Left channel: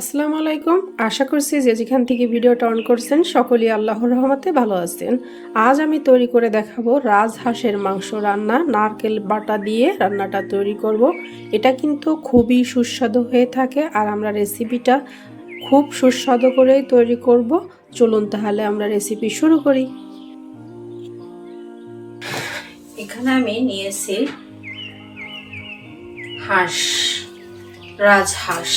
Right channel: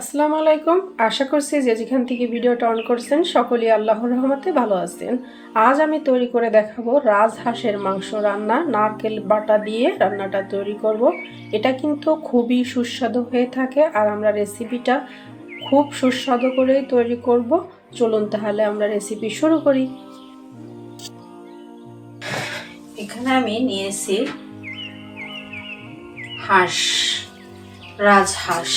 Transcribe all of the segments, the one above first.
আসসালামু আলাইকুম। আশা করছি যে যেখান থেকে ভিডিওটা অন করছেন সকলেই আল্লাহর রহমতে ভালো আছেন। আজ আমি তৈরি করে দেখাবো রাজহাঁসের মাংস রান্না। নারকেল বাটা দিয়ে রান্নাটা তৈরি করব। এটা কিন্তু খুবই সুস্বাদু হয়ে থাকে আর আমরা রেসিপিটা খুব সুস্বাদু করেই তৈরি করব। চলুন তাহলে আমরা রেসিপি শুরু করি। এখানে আমি নিয়েছি হাঁস, রাজহাঁস।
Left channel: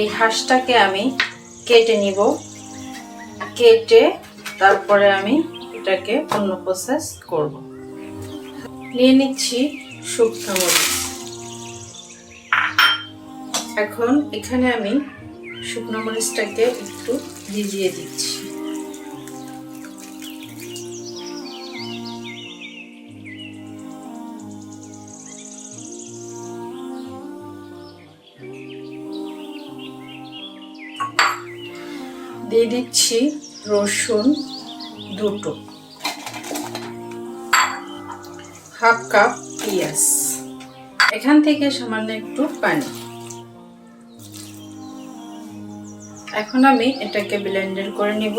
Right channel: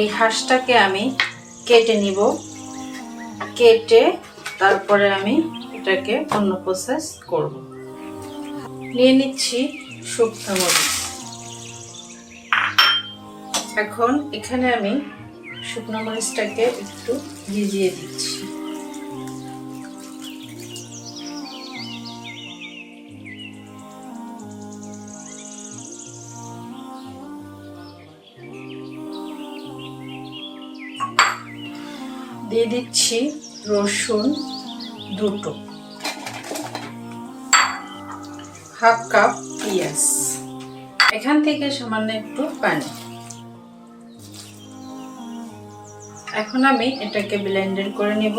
এই হাঁসটাকে আমি কেটে নিব। কেটে তারপরে আমি এটাকে অন্য প্রসেস করব। নিয়ে নিচ্ছি শুকনো মরিচ। এখন এখানে আমি শুকনো মরিচটাকে একটু ভিজিয়ে দিচ্ছি। দিয়ে দিচ্ছি রসুন দুটো, হাফ কাপ পেঁয়াজ, এখান থেকে সামান্য একটু পানি। এখন আমি এটাকে ব্লেন্ডার করে নিব।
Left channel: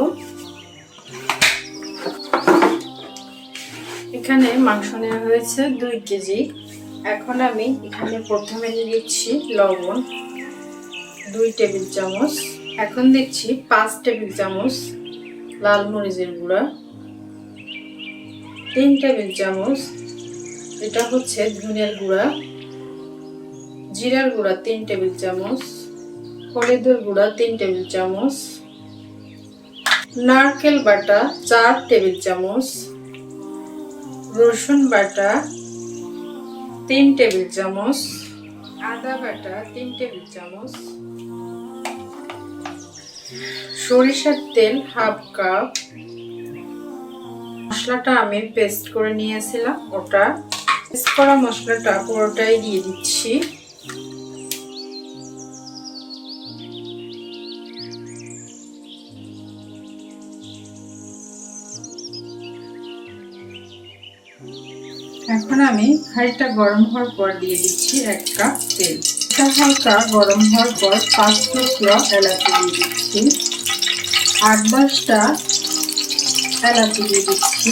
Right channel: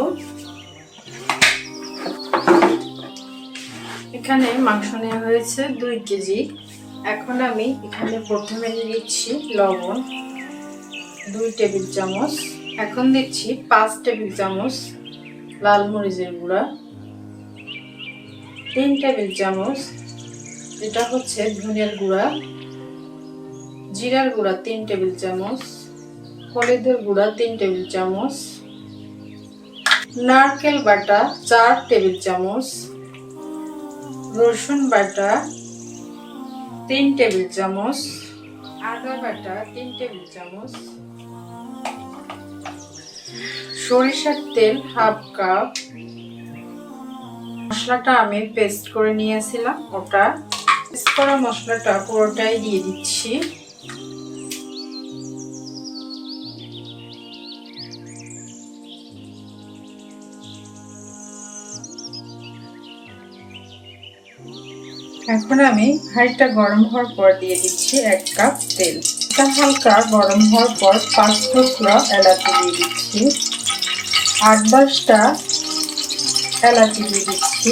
এখানে মাংস নেওয়া হয়েছে 2 কেজি। এখন আমি এখানে প্রথমে দিচ্ছি লবণ 2 টেবিল চামচ। এখন দিচ্ছি 5 টেবিল চামচ লাল মরিচের গুঁড়া, 3 টেবিল চামচ এটা হচ্ছে ধনিয়ার গুঁড়া, জিরার গুঁড়া 3 টেবিল চামচ, হলুদের গুঁড়া 3 টেবিল চামচ, নারকেল বাটা 4 টেবিল চামচ, রসুন বাটা 3 টেবিল চামচ, আদা বাটা 3 টেবিল চামচ, সরিষার তেল হাফ কাপ। মশলাটা আমি পেস্ট করে নিয়েছিলাম, ওটা পেস্ট করা মশলাটা পুরোটাই দিয়ে দিচ্ছি। এখন আমি হাঁড়িটা গরম হওয়ার পর দিয়ে দিচ্ছি 1 কাপ তেল। এটা হালকা গরম হওয়ার পর 5 টুকরা এলাচি দিয়ে দিচ্ছি, 8-10টা এলাচি দিয়ে দিচ্ছি,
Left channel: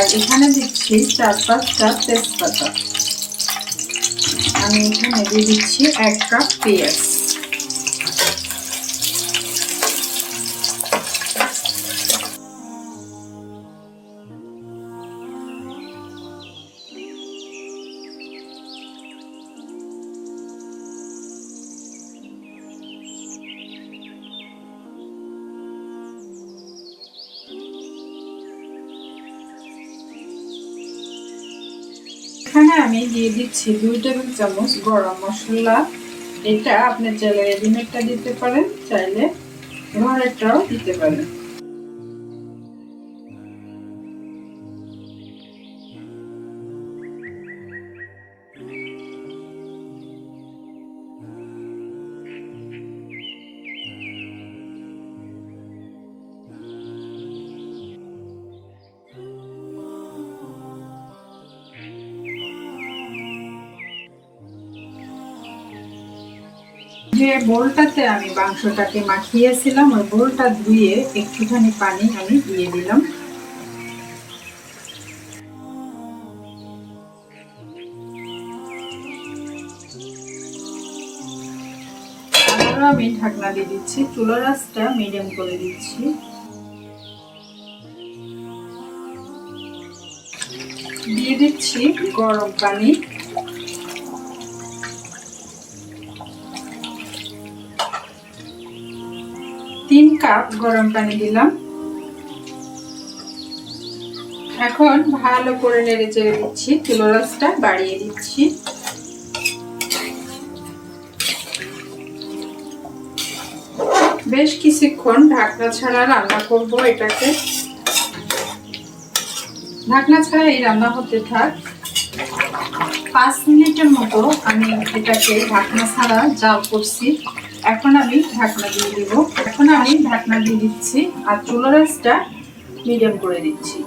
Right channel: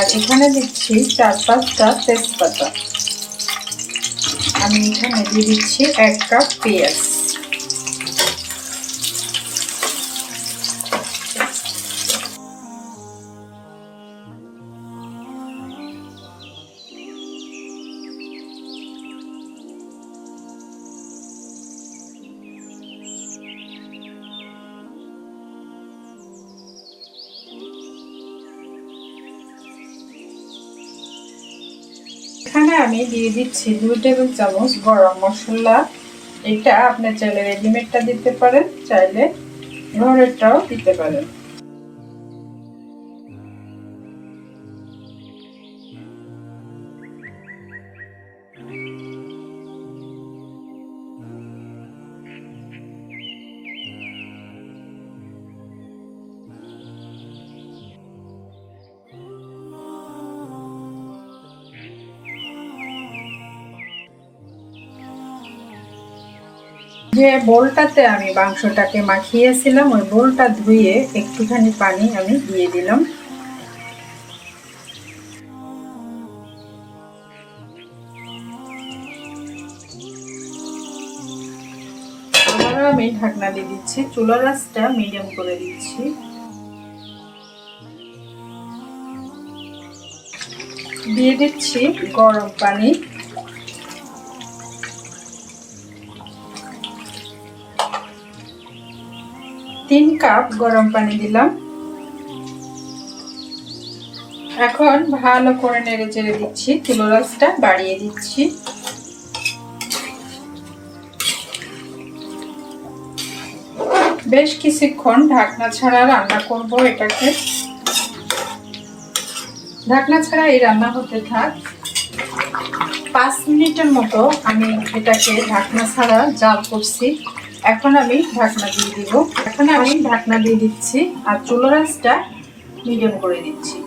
আর এখানে দিচ্ছি 4-5টা তেজপাতা। আমি এখানে দিয়ে দিচ্ছি 1 কাপ পেঁয়াজ। এখানে আমি দিয়ে দিচ্ছি 2 টেবিল চামচ গরম মশলা। এটা আপনি চাইলে রেডিমেডটা দিতে পারেন, চাইলে ঘরেরটাও দিতে পারেন। যে বোলটাতে আমি মাংসটাকে মাখিয়েছিলাম ওই বোলটা ধুয়ে একটুখানি পানি আমি দিয়ে দিলাম। আবারও আমি ঢাকনা দিয়ে দিচ্ছি, চুলার আঁচটা মিডিয়াম করে দিচ্ছি। দিয়ে দিচ্ছি গরম পানি, 3 কাপ গরম পানি দিলাম। এখন ভালো করে নেড়ে চেড়ে দিচ্ছি, চুলার আঁচটা বাড়িয়ে দিচ্ছি। বেশ কিছুক্ষণ ঢাকনা ছাড়া রান্না করব এটাকে। ঢাকনা ছাড়া এই রান্না হতে থাক। 5 মিনিটের মতো আমি এটাকে ঢাকনা ছাড়া জাল করছি। এখন আমি ঢাকনা দিয়ে দিব। এখন আমি ঢাকনা দিয়ে দিচ্ছি আর চুলার আঁচটা মিডিয়াম করে দিচ্ছি।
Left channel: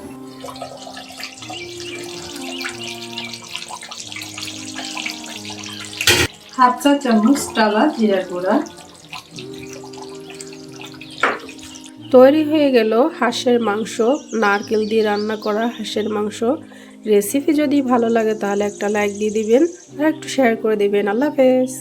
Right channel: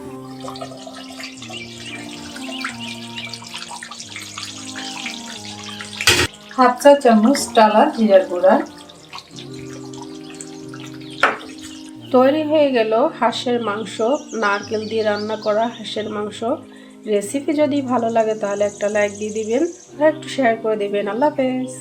হাফ চা চামচ টালা জিরার গুঁড়া। তৈরি হয়ে গেল হাঁসের মাংস, নারকেল দিয়ে রান্না করা হাঁসের মাংস। রেসিপি যদি ভালো লাগে তাহলে একটা লাইক দিয়ে দিবেন আর একটু শেয়ার করে দিবেন। আল্লাহ হাফেজ।